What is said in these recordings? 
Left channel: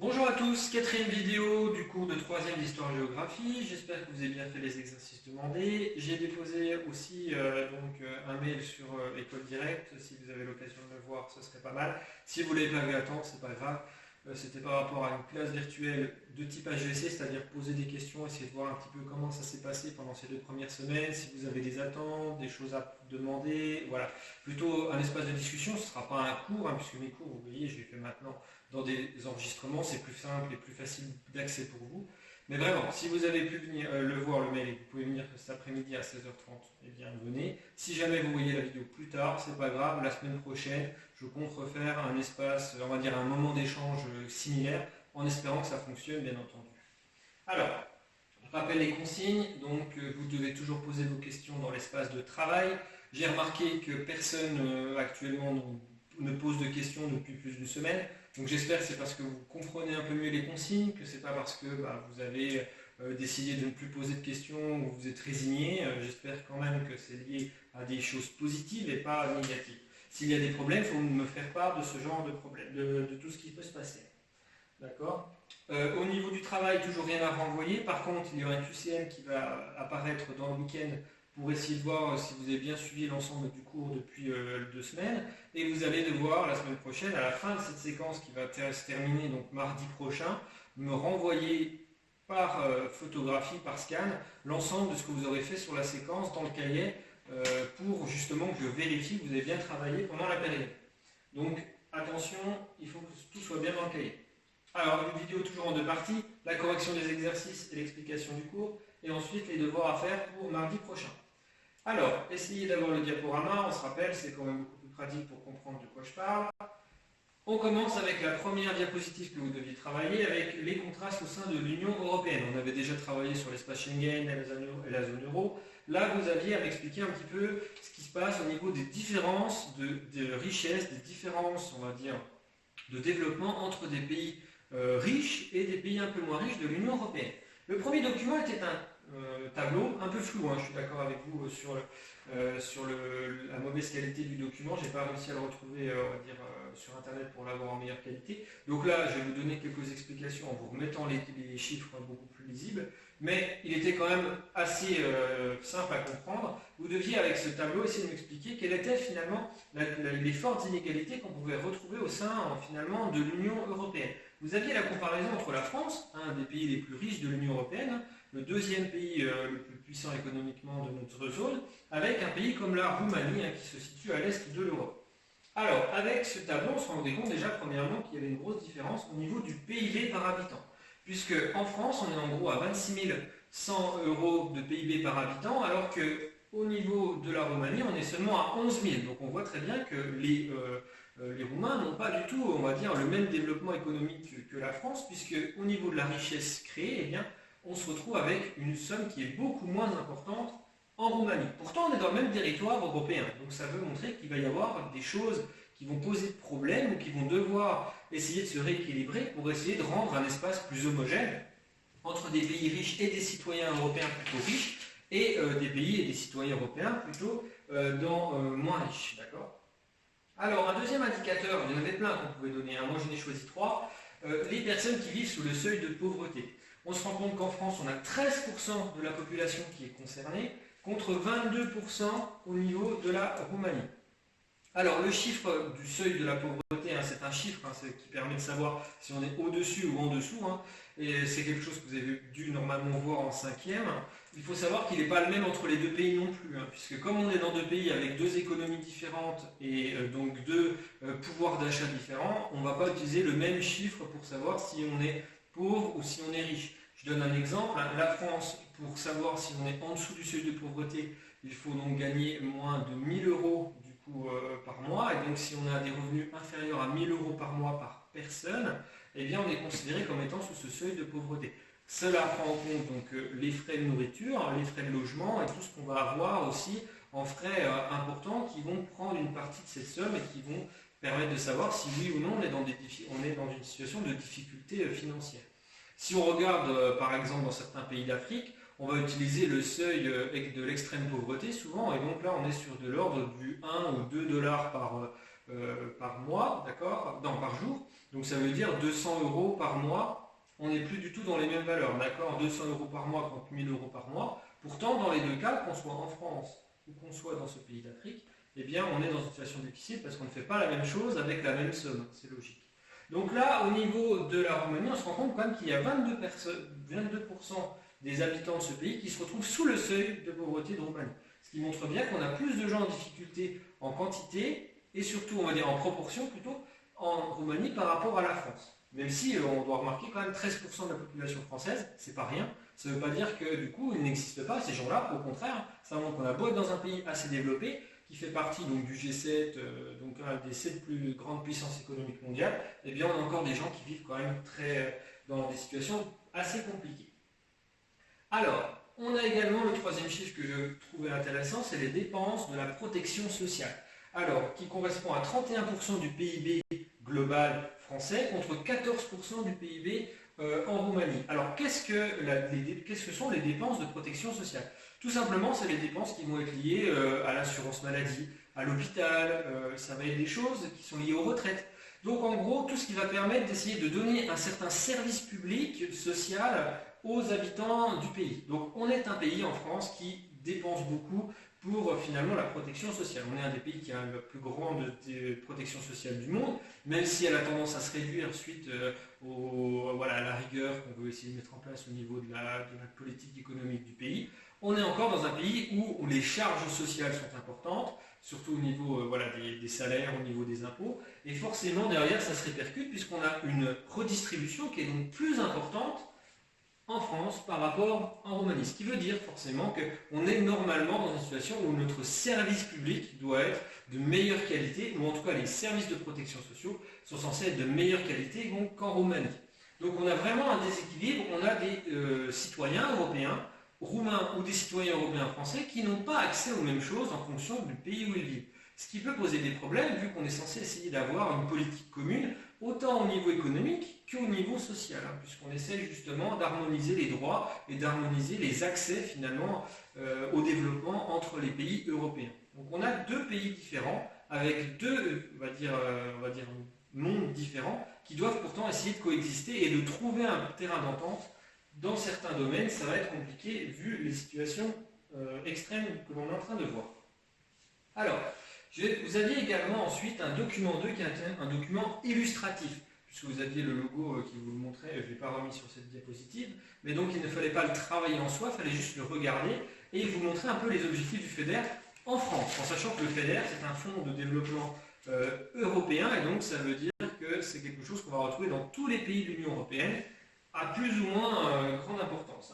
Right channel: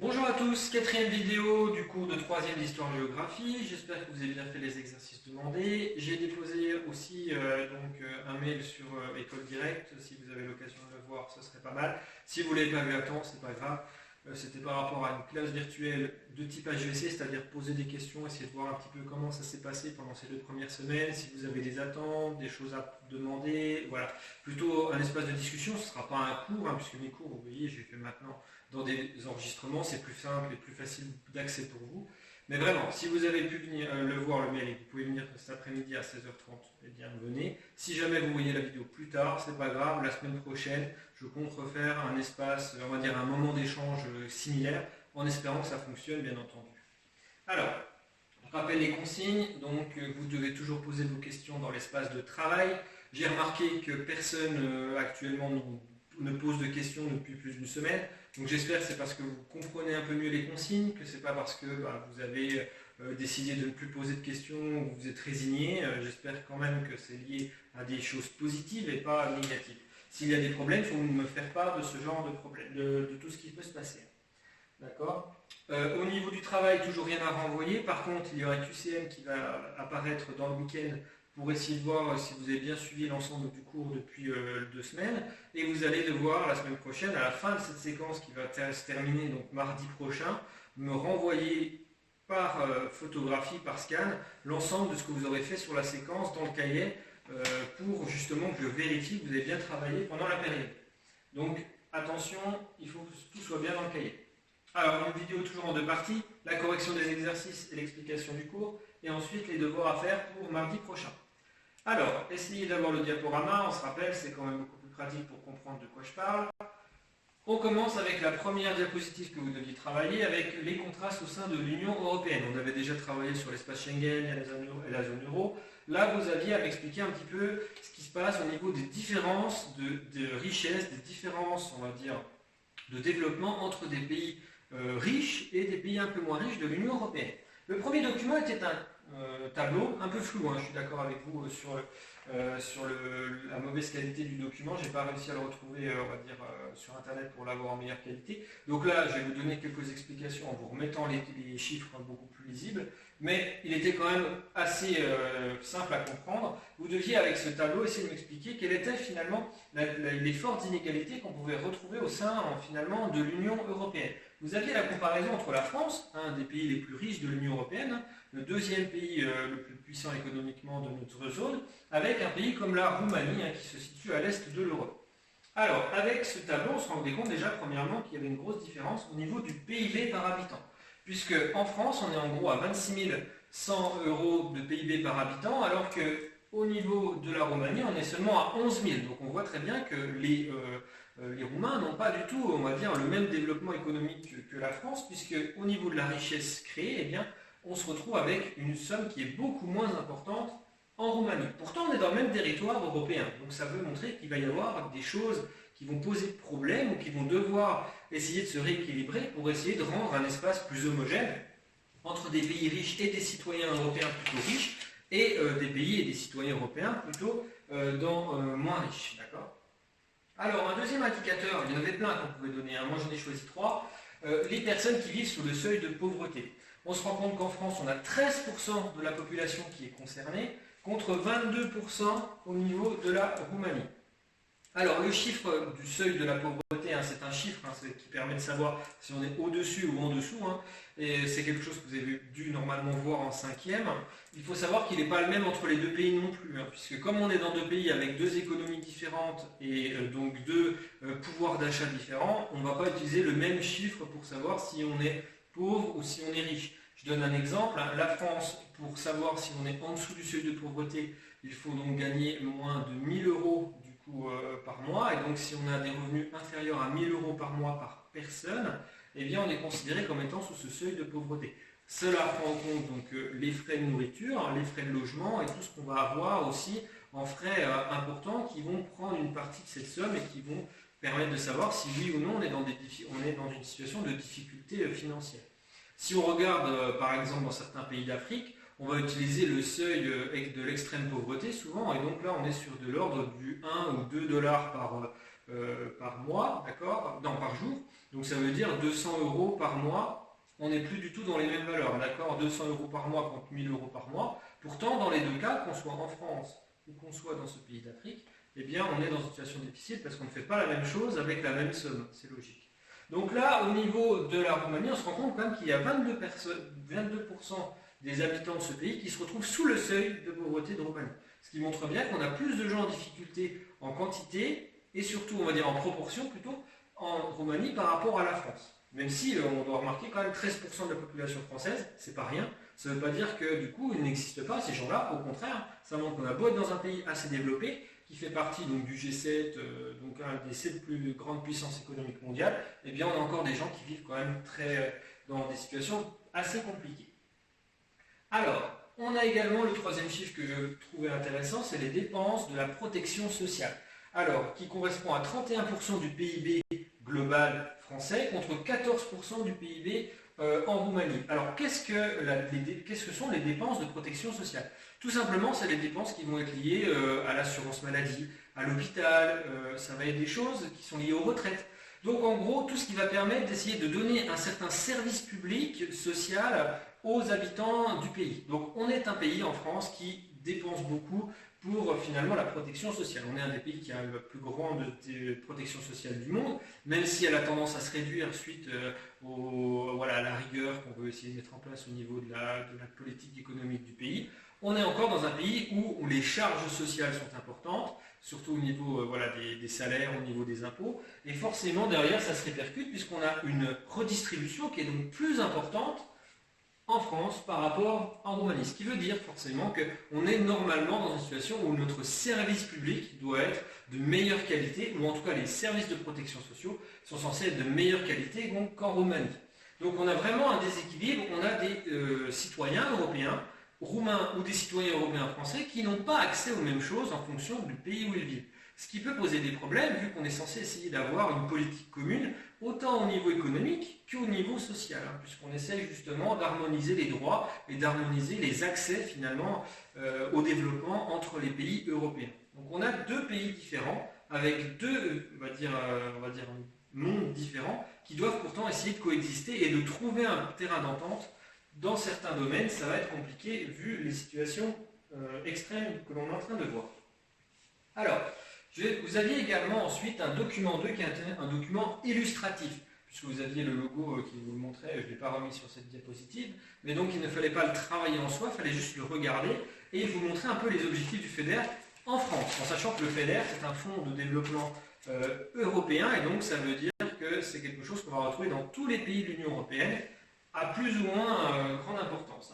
Bonjour à tous, quatrième vidéo du cours de troisième d'histoire-géographie. J'espère que vous avez bien fait les exercices demandés. J'ai déposé aussi un mail sur École Directe. Si vous avez l'occasion de le voir, ce serait pas mal. Si vous ne l'avez pas vu à temps, c'est pas grave. C'était par rapport à une classe virtuelle de type HEC, c'est-à-dire poser des questions, essayer de voir un petit peu comment ça s'est passé pendant ces 2 premières semaines, si vous avez des attentes, des choses à demander, voilà. Plutôt un espace de discussion, ce ne sera pas un cours, puisque mes cours, vous voyez, j'ai fait maintenant dans des enregistrements, c'est plus simple et plus facile d'accès pour vous. Mais vraiment, si vous avez pu venir le voir le mail et que vous pouvez venir cet après-midi à 16h30, eh bien venez. Si jamais vous voyez la vidéo plus tard, c'est pas grave, la semaine prochaine, je compte refaire un espace, on va dire un moment d'échange similaire, en espérant que ça fonctionne bien entendu. Alors, je rappelle les consignes, donc vous devez toujours poser vos questions dans l'espace de travail. J'ai remarqué que personne actuellement ne pose de questions depuis plus d'une semaine. Donc j'espère que c'est parce que vous comprenez un peu mieux les consignes, que c'est pas parce que vous avez décidé de ne plus poser de questions ou vous êtes résigné. J'espère quand même que c'est lié à des choses positives et pas négatives. S'il y a des problèmes, il faut me faire part de ce genre de problème, de tout ce qui peut se passer. D'accord. Au niveau du travail, toujours rien à renvoyer. Par contre, il y aura un QCM qui va apparaître dans le week-end pour essayer de voir si vous avez bien suivi l'ensemble du cours depuis 2 semaines. Et vous allez devoir, la semaine prochaine, à la fin de cette séquence qui va se terminer donc mardi prochain, me renvoyer par photographie, par scan, l'ensemble de ce que vous aurez fait sur la séquence dans le cahier pour justement que je vérifie que vous avez bien travaillé pendant la période. Donc attention, il faut que tout soit bien dans le cahier. Alors, une vidéo toujours en 2 parties, la correction des exercices et l'explication du cours, et ensuite les devoirs à faire pour mardi prochain. Alors, essayez d'avoir le diaporama, on se rappelle, c'est quand même beaucoup plus pratique pour comprendre de quoi je parle. On commence avec la première diapositive que vous deviez travailler, avec les contrastes au sein de l'Union européenne. On avait déjà travaillé sur l'espace Schengen et la zone euro. Là, vous aviez à m'expliquer un petit peu ce qui se passe au niveau des différences de richesse, des différences, on va dire, de développement entre des pays riches et des pays un peu moins riches de l'Union européenne. Le premier document était un tableau un peu flou, je suis d'accord avec vous sur la mauvaise qualité du document. Je n'ai pas réussi à le retrouver on va dire, sur internet pour l'avoir en meilleure qualité. Donc là, je vais vous donner quelques explications en vous remettant les chiffres beaucoup plus lisibles. Mais il était quand même assez simple à comprendre. Vous deviez, avec ce tableau, essayer de m'expliquer quelles étaient finalement les fortes inégalités qu'on pouvait retrouver au sein finalement de l'Union européenne. Vous aviez la comparaison entre la France, un des pays les plus riches de l'Union européenne, le deuxième pays le plus puissant économiquement de notre zone, avec un pays comme la Roumanie qui se situe à l'est de l'Europe. Alors, avec ce tableau, on se rendait compte déjà premièrement qu'il y avait une grosse différence au niveau du PIB par habitant. Puisque en France, on est en gros à 26 100 € de PIB par habitant, alors qu'au niveau de la Roumanie, on est seulement à 11 000. Donc on voit très bien que les Roumains n'ont pas du tout, on va dire, le même développement économique que la France, puisque au niveau de la richesse créée, eh bien, on se retrouve avec une somme qui est beaucoup moins importante en Roumanie. Pourtant, on est dans le même territoire européen, donc ça veut montrer qu'il va y avoir des choses qui vont poser problème ou qui vont devoir essayer de se rééquilibrer pour essayer de rendre un espace plus homogène entre des pays riches et des citoyens européens plutôt riches et des pays et des citoyens européens plutôt moins riches. D'accord ? Alors, un deuxième indicateur, il y en avait plein qu'on pouvait donner, moi j'en ai choisi 3, les personnes qui vivent sous le seuil de pauvreté. On se rend compte qu'en France, on a 13% de la population qui est concernée, contre 22% au niveau de la Roumanie. Alors, le chiffre du seuil de la pauvreté, c'est un chiffre qui permet de savoir si on est au-dessus ou en dessous, et c'est quelque chose que vous avez dû normalement voir en 5e. Il faut savoir qu'il n'est pas le même entre les 2 pays non plus, puisque comme on est dans 2 pays avec 2 économies différentes et donc 2 pouvoirs d'achat différents, on ne va pas utiliser le même chiffre pour savoir si on est pauvre ou si on est riche. Je donne un exemple, la France, pour savoir si on est en dessous du seuil de pauvreté, il faut donc gagner moins de 1 000 € du coup par mois, et donc si on a des revenus inférieurs à 1 000 € par mois par personne, eh bien on est considéré comme étant sous ce seuil de pauvreté. Cela prend en compte donc les frais de nourriture, les frais de logement et tout ce qu'on va avoir aussi en frais importants qui vont prendre une partie de cette somme et qui vont permettre de savoir si oui ou non on est dans une situation de difficulté financière. Si on regarde par exemple dans certains pays d'Afrique, on va utiliser le seuil de l'extrême pauvreté souvent, et donc là on est sur de l'ordre du 1 ou 2 $ par mois, d'accord? Non, par jour. Donc ça veut dire 200 € par mois. On n'est plus du tout dans les mêmes valeurs, d'accord? 200 € par mois contre 1000 € par mois. Pourtant, dans les deux cas, qu'on soit en France ou qu'on soit dans ce pays d'Afrique, eh bien, on est dans une situation difficile parce qu'on ne fait pas la même chose avec la même somme. C'est logique. Donc là, au niveau de la Roumanie, on se rend compte quand même qu'il y a 22% des habitants de ce pays qui se retrouvent sous le seuil de pauvreté de Roumanie. Ce qui montre bien qu'on a plus de gens en difficulté en quantité et surtout, on va dire en proportion plutôt, en Roumanie par rapport à la France. Même si on doit remarquer quand même 13% de la population française, c'est pas rien. Ça ne veut pas dire que du coup, ils n'existent pas, ces gens-là. Au contraire, ça montre qu'on a beau être dans un pays assez développé, qui fait partie donc, du G7, donc un des 7 plus grandes puissances économiques mondiales, eh bien on a encore des gens qui vivent quand même dans des situations assez compliquées. Alors, on a également le troisième chiffre que je trouvais intéressant, c'est les dépenses de la protection sociale. Alors, qui correspond à 31% du PIB global français contre 14% du PIB en Roumanie. Alors, qu'est-ce que sont les dépenses de protection sociale? Tout simplement, c'est les dépenses qui vont être liées à l'assurance maladie, à l'hôpital, ça va être des choses qui sont liées aux retraites. Donc, en gros, tout ce qui va permettre d'essayer de donner un certain service public social aux habitants du pays. Donc, on est un pays en France qui dépense beaucoup pour finalement la protection sociale. On est un des pays qui a la plus grande protection sociale du monde, même si elle a tendance à se réduire suite à la rigueur qu'on veut essayer de mettre en place au niveau de la politique économique du pays. On est encore dans un pays où les charges sociales sont importantes, surtout au niveau des salaires, au niveau des impôts, et forcément derrière ça se répercute puisqu'on a une redistribution qui est donc plus importante en France par rapport en Roumanie. Ce qui veut dire forcément qu'on est normalement dans une situation où notre service public doit être de meilleure qualité, ou en tout cas les services de protection sociale sont censés être de meilleure qualité qu'en Roumanie. Donc on a vraiment un déséquilibre, on a des citoyens européens, roumains ou des citoyens européens français qui n'ont pas accès aux mêmes choses en fonction du pays où ils vivent. Ce qui peut poser des problèmes vu qu'on est censé essayer d'avoir une politique commune autant au niveau économique qu'au niveau social, puisqu'on essaie justement d'harmoniser les droits et d'harmoniser les accès finalement au développement entre les pays européens. Donc on a deux pays différents avec deux, on va dire mondes différents qui doivent pourtant essayer de coexister et de trouver un terrain d'entente. Dans certains domaines, ça va être compliqué vu les situations extrêmes que l'on est en train de voir. Alors, vous aviez également ensuite un document 2 qui est un document illustratif, puisque vous aviez le logo qui vous le montrait, je ne l'ai pas remis sur cette diapositive, mais donc il ne fallait pas le travailler en soi, il fallait juste le regarder et vous montrer un peu les objectifs du FEDER en France, en sachant que le FEDER c'est un fonds de développement européen et donc ça veut dire que c'est quelque chose qu'on va retrouver dans tous les pays de l'Union européenne à plus ou moins grande importance.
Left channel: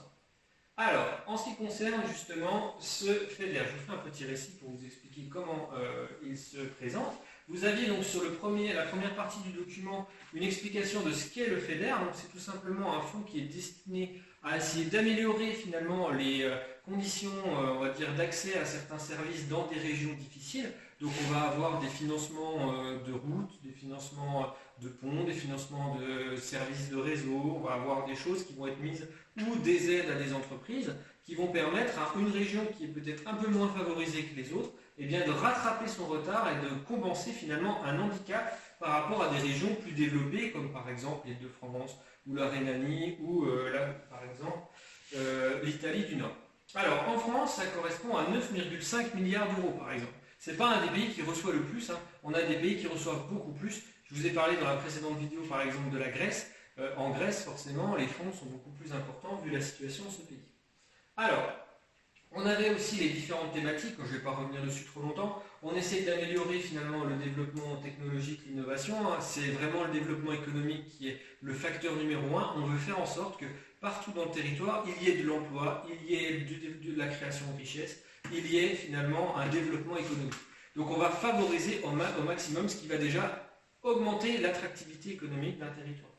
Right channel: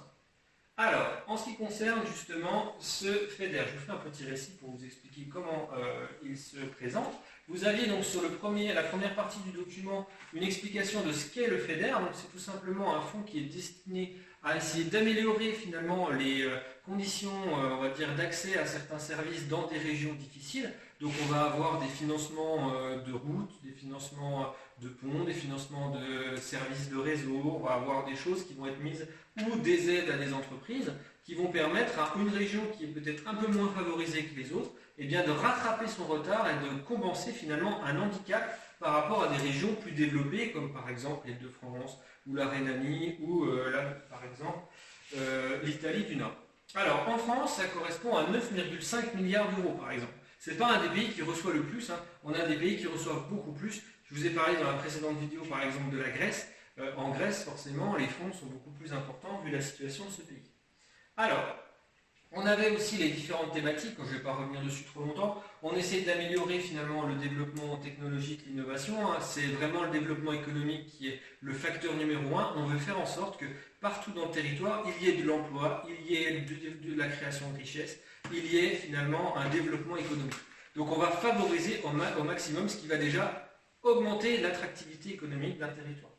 Alors, en ce qui concerne justement ce FEDER, je vous fais un petit récit pour vous expliquer comment il se présente. Vous aviez donc sur la première partie du document une explication de ce qu'est le FEDER. Donc c'est tout simplement un fonds qui est destiné à essayer d'améliorer finalement les conditions on va dire, d'accès à certains services dans des régions difficiles. Donc on va avoir des financements de routes, des financements de ponts, des financements de services de réseau, on va avoir des choses qui vont être mises ou des aides à des entreprises qui vont permettre à une région qui est peut-être un peu moins favorisée que les autres, eh bien de rattraper son retard et de compenser finalement un handicap par rapport à des régions plus développées comme par exemple l'Île-de-France ou la Rhénanie ou par exemple l'Italie du Nord. Alors en France, ça correspond à 9,5 milliards d'euros par exemple. Ce n'est pas un des pays qui reçoit le plus, on a des pays qui reçoivent beaucoup plus. Je vous ai parlé dans la précédente vidéo par exemple de la Grèce. En Grèce, forcément, les fonds sont beaucoup plus importants vu la situation de ce pays. Alors, on avait aussi les différentes thématiques, je ne vais pas revenir dessus trop longtemps. On essaie d'améliorer finalement le développement technologique, l'innovation. C'est vraiment le développement économique qui est le facteur numéro 1. On veut faire en sorte que partout dans le territoire, il y ait de l'emploi, il y ait de la création de richesses, il y ait finalement un développement économique. Donc on va favoriser au maximum ce qui va déjà augmenter l'attractivité économique d'un territoire.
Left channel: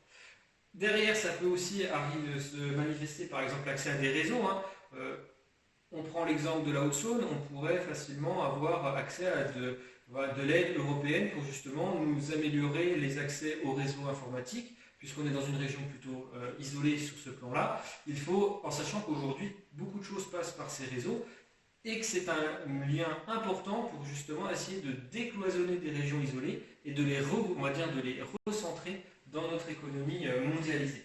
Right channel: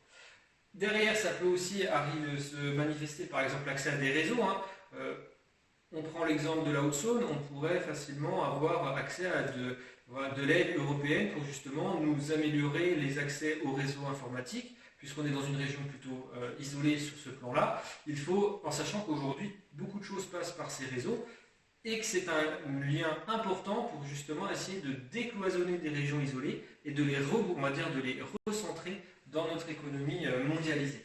Derrière, ça peut aussi se manifester par exemple l'accès à des réseaux. On prend l'exemple de la Haute-Saône, on pourrait facilement avoir accès à de l'aide européenne pour justement nous améliorer les accès aux réseaux informatiques, puisqu'on est dans une région plutôt isolée sur ce plan-là. Il faut, en sachant qu'aujourd'hui, beaucoup de choses passent par ces réseaux, et que c'est un lien important pour justement essayer de décloisonner des régions isolées et de les, on va dire, de les recentrer dans notre économie mondialisée.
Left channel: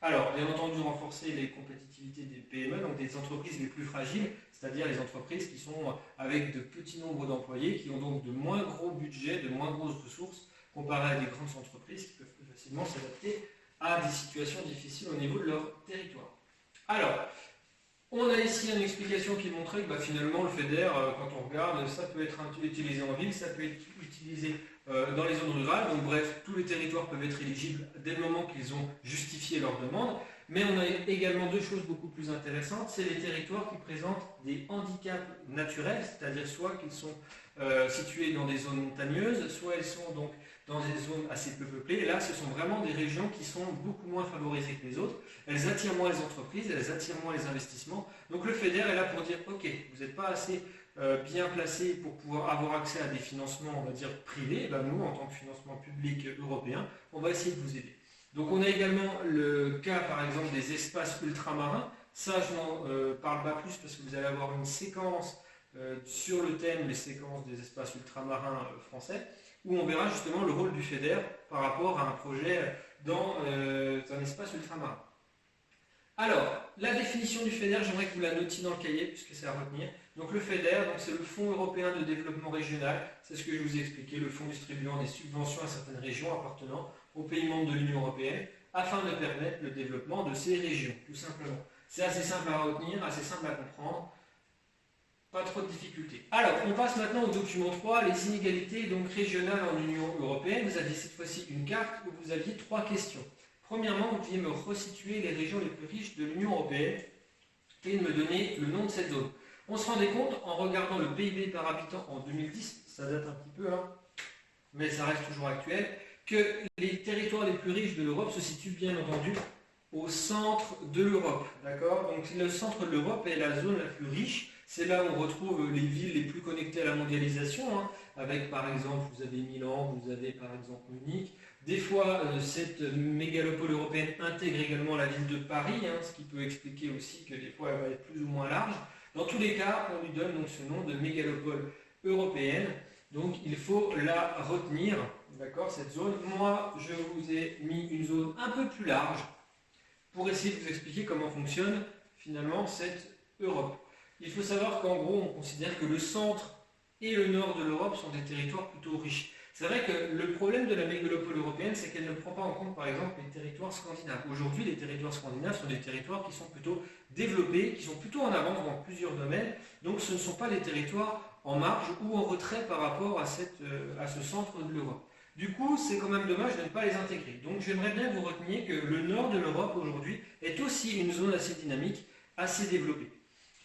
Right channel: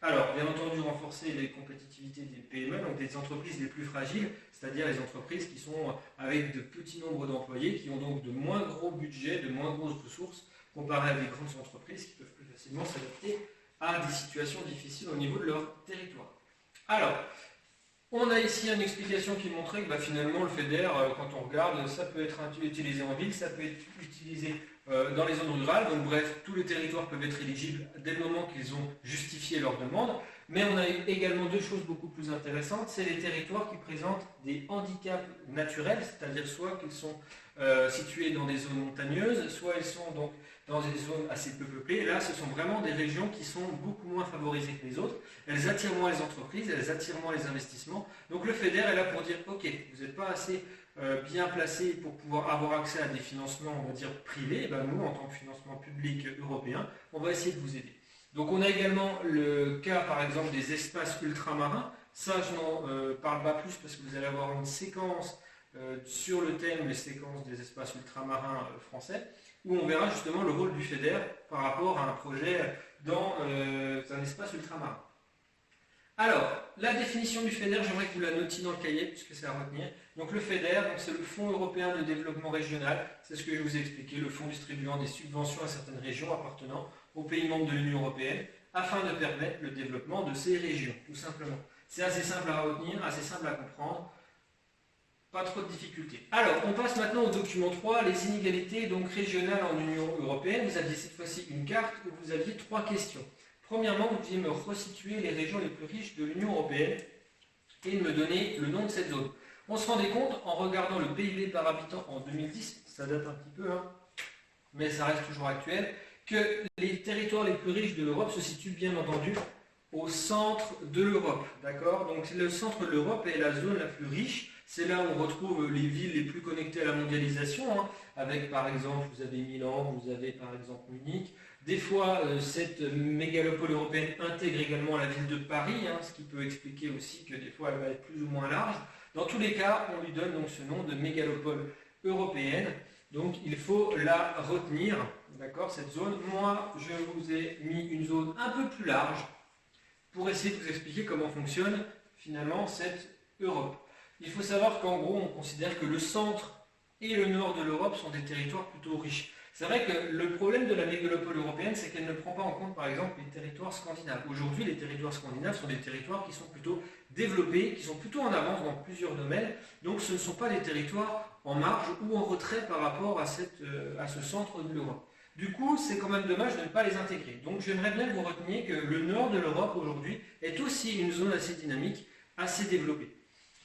Alors, bien entendu, renforcer les compétitivités des PME, donc des entreprises les plus fragiles, c'est-à-dire les entreprises qui sont avec de petits nombres d'employés, qui ont donc de moins gros budgets, de moins grosses ressources, comparé à des grandes entreprises qui peuvent plus facilement s'adapter à des situations difficiles au niveau de leur territoire. Alors, on a ici une explication qui montrait que finalement le FEDER, quand on regarde, ça peut être utilisé en ville, ça peut être utilisé dans les zones rurales. Donc bref, tous les territoires peuvent être éligibles dès le moment qu'ils ont justifié leur demande. Mais on a également deux choses beaucoup plus intéressantes. C'est les territoires qui présentent des handicaps naturels, c'est-à-dire soit qu'ils sont situés dans des zones montagneuses, soit ils sont donc dans des zones assez peu peuplées. Là, ce sont vraiment des régions qui sont beaucoup moins favorisées que les autres. Elles attirent moins les entreprises, elles attirent moins les investissements. Donc le FEDER est là pour dire, ok, vous n'êtes pas assez bien placé pour pouvoir avoir accès à des financements, on va dire, privés. Nous, en tant que financement public européen, on va essayer de vous aider. Donc on a également le cas, par exemple, des espaces ultramarins. Ça, je n'en parle pas plus parce que vous allez avoir une séquence sur le thème, les séquences des espaces ultramarins français, où on verra justement le rôle du FEDER par rapport à un projet dans un espace ultramarin. Alors, la définition du FEDER, j'aimerais que vous la notiez dans le cahier, puisque c'est à retenir. Donc le FEDER, c'est le Fonds européen de développement régional, c'est ce que je vous ai expliqué, le fonds distribuant des subventions à certaines régions appartenant aux pays membres de l'Union européenne, afin de permettre le développement de ces régions, tout simplement. C'est assez simple à retenir, assez simple à comprendre, pas trop de difficultés. Alors, on passe maintenant au document 3, les inégalités donc régionales en Union européenne. Vous aviez cette fois-ci une carte où vous aviez 3 questions. Premièrement, vous deviez me resituer les régions les plus riches de l'Union européenne et me donner le nom de cette zone. On se rendait compte, en regardant le PIB par habitant en 2010, ça date un petit peu, mais ça reste toujours actuel, que les territoires les plus riches de l'Europe se situent bien entendu au centre de l'Europe. D'accord ? Donc le centre de l'Europe est la zone la plus riche. C'est là où on retrouve les villes les plus connectées à la mondialisation, avec par exemple, vous avez Milan, vous avez par exemple Munich. Des fois, cette mégalopole européenne intègre également la ville de Paris, ce qui peut expliquer aussi que des fois elle va être plus ou moins large. Dans tous les cas, on lui donne donc ce nom de mégalopole européenne. Donc il faut la retenir, d'accord, cette zone. Moi, je vous ai mis une zone un peu plus large pour essayer de vous expliquer comment fonctionne finalement cette Europe. Il faut savoir qu'en gros, on considère que le centre et le nord de l'Europe sont des territoires plutôt riches. C'est vrai que le problème de la mégalopole européenne, c'est qu'elle ne prend pas en compte, par exemple, les territoires scandinaves. Aujourd'hui, les territoires scandinaves sont des territoires qui sont plutôt développés, qui sont plutôt en avance dans plusieurs domaines. Donc, ce ne sont pas des territoires en marge ou en retrait par rapport à ce centre de l'Europe. Du coup, c'est quand même dommage de ne pas les intégrer. Donc, j'aimerais bien que vous reteniez que le nord de l'Europe, aujourd'hui, est aussi une zone assez dynamique, assez développée.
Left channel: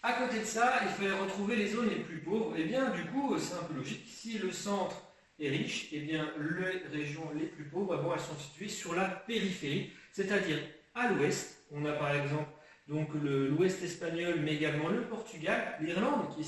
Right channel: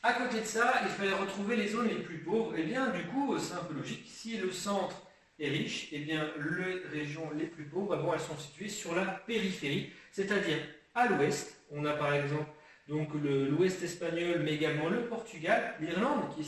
À côté de ça, il fallait retrouver les zones les plus pauvres. Et bien, du coup, c'est un peu logique. Si le centre est riche, et bien, les régions les plus pauvres, elles sont situées sur la périphérie, c'est-à-dire à l'ouest. On a par exemple donc l'ouest espagnol, mais également le Portugal, l'Irlande, qui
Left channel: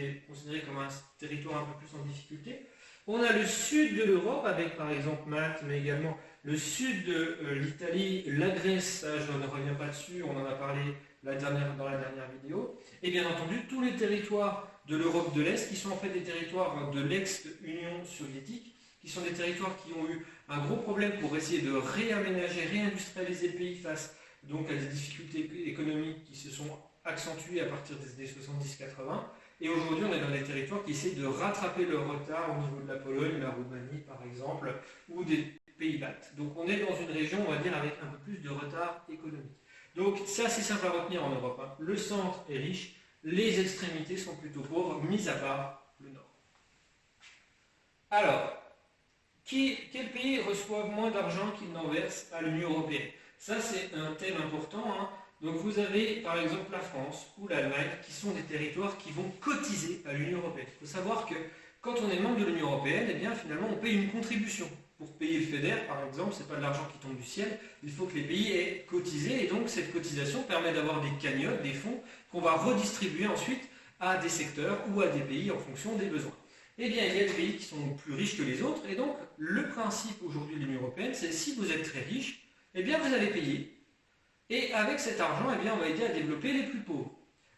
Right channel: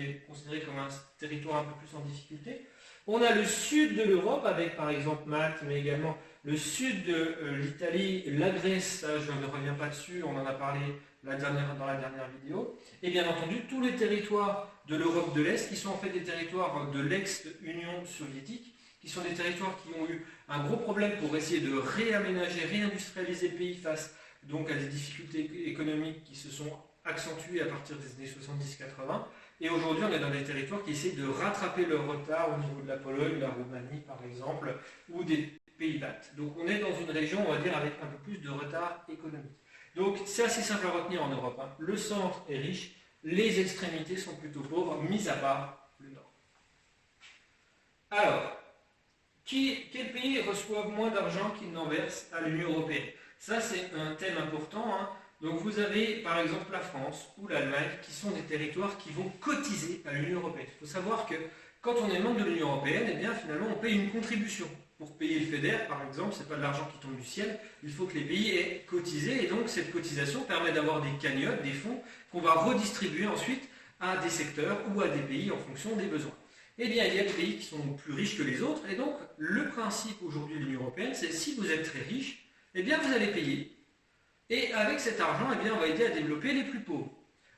est considérée comme un territoire un peu plus en difficulté. On a le sud de l'Europe, avec par exemple Malte, mais également le sud de l'Italie, la Grèce, ça, je ne reviens pas dessus, on en a parlé dans la dernière vidéo. Et bien entendu, tous les territoires de l'Europe de l'Est, qui sont en fait des territoires de l'ex-Union soviétique, qui sont des territoires qui ont eu un gros problème pour essayer de réaménager, réindustrialiser le pays face donc à des difficultés économiques qui se sont accentuées à partir des années 70-80. Et aujourd'hui, on est dans des territoires qui essaient de rattraper leur retard au niveau de la Pologne, la Roumanie par exemple, ou des pays baltes. Donc on est dans une région, on va dire, avec un peu plus de retard économique. Donc c'est assez simple à retenir en Europe. Le centre est riche, les extrémités sont plutôt pauvres, mis à part le nord. Alors, quels pays reçoivent moins d'argent qu'ils n'en versent à l'Union européenne? Ça, c'est un thème important. Donc vous avez par exemple la France ou l'Allemagne qui sont des territoires qui vont cotiser à l'Union européenne. Il faut savoir que quand on est membre de l'Union européenne, eh bien finalement on paye une contribution. Pour payer le FEDER par exemple, ce n'est pas de l'argent qui tombe du ciel, il faut que les pays aient cotisé et donc cette cotisation permet d'avoir des cagnottes, des fonds qu'on va redistribuer ensuite à des secteurs ou à des pays en fonction des besoins. Eh bien il y a des pays qui sont plus riches que les autres et donc le principe aujourd'hui de l'Union européenne, c'est si vous êtes très riche, eh bien vous allez payer. Et avec cet argent, eh bien, on va aider à développer les plus pauvres.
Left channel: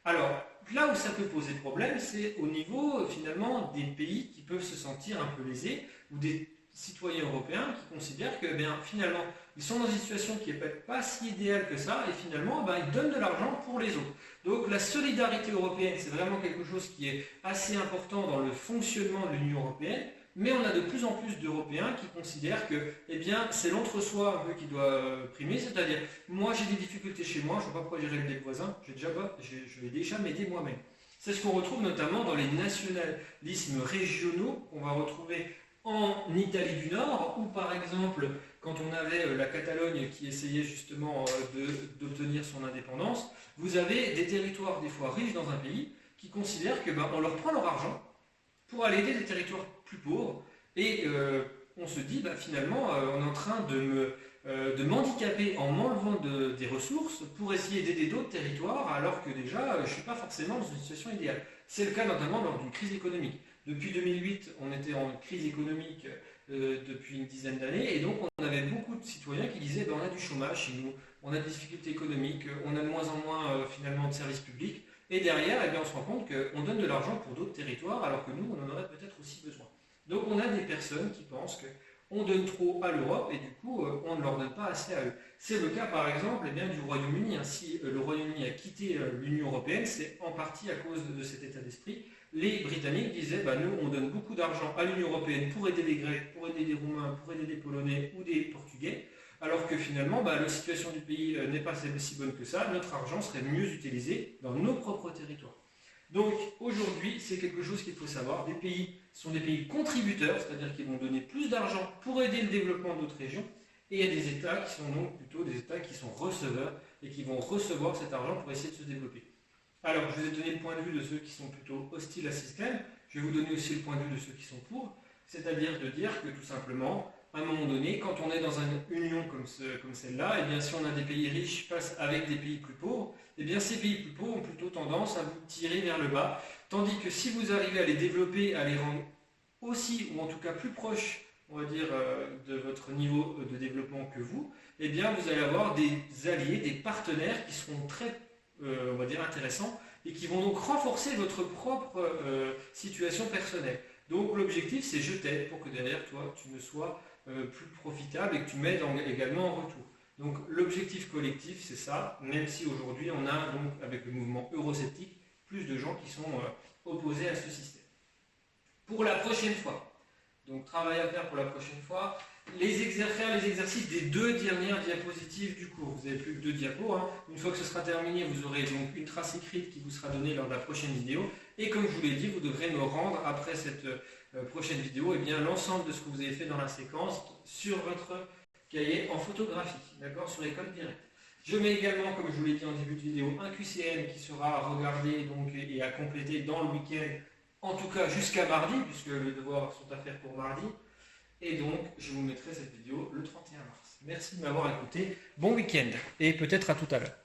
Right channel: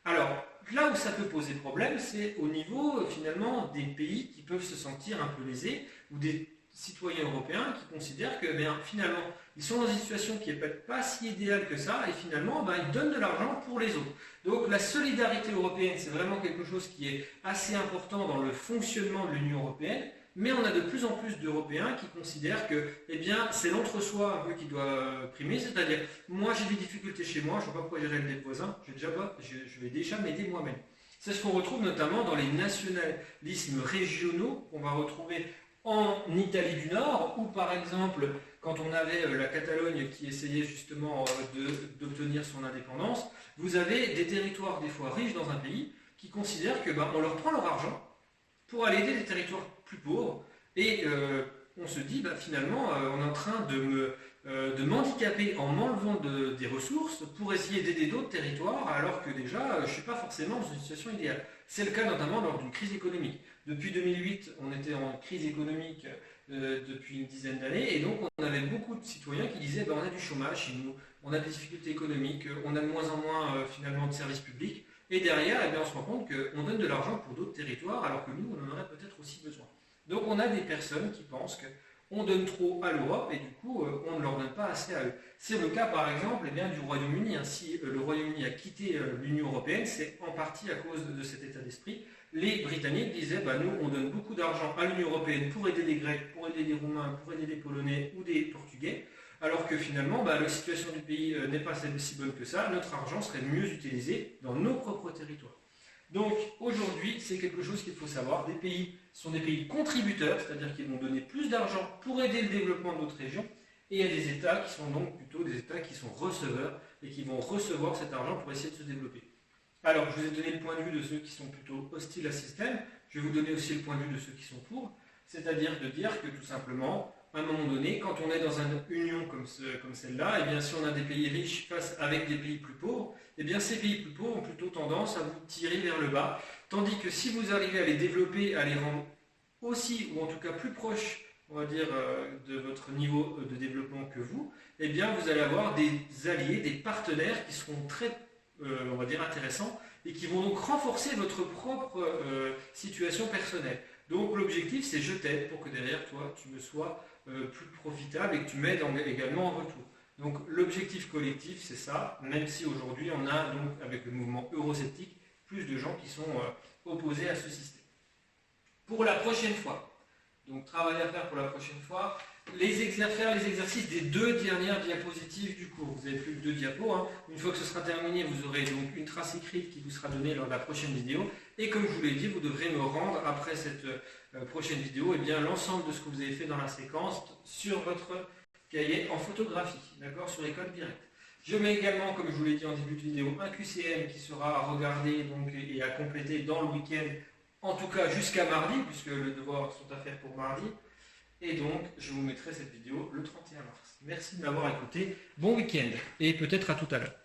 Alors, là où ça peut poser problème, c'est au niveau finalement des pays qui peuvent se sentir un peu lésés ou des citoyens européens qui considèrent que finalement ils sont dans une situation qui n'est peut-être pas si idéale que ça et finalement ils donnent de l'argent pour les autres. Donc la solidarité européenne, c'est vraiment quelque chose qui est assez important dans le fonctionnement de l'Union européenne. Mais on a de plus en plus d'Européens qui considèrent que c'est l'entre-soi un peu qui doit primer, c'est-à-dire moi j'ai des difficultés chez moi, je ne vois pas pourquoi j'irai aider le voisin, je vais déjà m'aider moi-même. C'est ce qu'on retrouve notamment dans les nationalismes régionaux qu'on va retrouver en Italie du Nord, ou par exemple quand on avait la Catalogne qui essayait justement d'obtenir son indépendance, vous avez des territoires des fois riches dans un pays qui considèrent que on leur prend leur argent pour aller aider des territoires plus pauvres et on se dit finalement on est en train de m'handicaper en m'enlevant des ressources pour essayer d'aider d'autres territoires alors que déjà je ne suis pas forcément dans une situation idéale. C'est le cas notamment lors d'une crise économique. Depuis 2008, on était en crise économique depuis une dizaine d'années et donc on avait beaucoup de citoyens qui disaient on a du chômage chez nous, on a des difficultés économiques, on a de moins en moins finalement de services publics. Et derrière, on se rend compte qu'on donne de l'argent pour d'autres territoires alors que nous, on en aurait peut-être aussi besoin. Donc on a des personnes qui pensent qu'on donne trop à l'Europe et du coup, on ne leur donne pas assez à eux. C'est le cas par exemple du Royaume-Uni. Si le Royaume-Uni a quitté l'Union européenne, c'est en partie à cause de cet état d'esprit. Les Britanniques disaient, nous, on donne beaucoup d'argent à l'Union européenne pour aider les Grecs, pour aider les Roumains, pour aider les Polonais ou des Portugais. Alors que finalement, la situation du pays n'est pas si bonne que ça, notre argent serait mieux utilisé dans nos propres territoires. Donc aujourd'hui, c'est quelque chose qu'il faut savoir, des pays sont des pays contributeurs, c'est-à-dire qu'ils vont donner plus d'argent pour aider le développement de notre région, et il y a des États qui sont donc plutôt des États qui sont receveurs et qui vont recevoir cet argent pour essayer de se développer. Alors, je vous ai donné le point de vue de ceux qui sont plutôt hostiles à ce système, je vais vous donner aussi le point de vue de ceux qui sont pour, c'est-à-dire de dire que tout simplement, à un moment donné, quand on est dans une union comme celle-là, si on a des pays riches face avec des pays plus pauvres, ces pays plus pauvres ont plutôt tendance à vous tirer vers le bas, tandis que si vous arrivez à les développer, à les rendre aussi, ou en tout cas plus proches, on va dire, de votre niveau de développement que vous allez avoir des alliés, des partenaires qui seront très, on va dire, intéressants et qui vont donc renforcer votre propre situation personnelle. Donc l'objectif, c'est je t'aide pour que derrière toi, tu me sois plus profitable et que tu m'aides également en retour. Donc l'objectif collectif, c'est ça, même si aujourd'hui on a donc avec le mouvement eurosceptique plus de gens qui sont opposés à ce système. Pour la prochaine fois, donc travail à faire pour la prochaine fois, faire les exercices des 2 dernières diapositives du cours. Vous n'avez plus que 2 diapos. Une fois que ce sera terminé, vous aurez donc une trace écrite qui vous sera donnée lors de la prochaine vidéo. Et comme je vous l'ai dit, vous devrez me rendre après cette prochaine vidéo l'ensemble de ce que vous avez fait dans la séquence sur votre cahier en photographie, d'accord, sur l'école directe. Je mets également, comme je vous l'ai dit en début de vidéo, un QCM qui sera à regarder donc, et à compléter dans le week-end, en tout cas jusqu'à mardi, puisque les devoirs sont à faire pour mardi. Et donc, je vous mettrai cette vidéo le 31 mars. Merci de m'avoir écouté. Bon week-end et peut-être à tout à l'heure.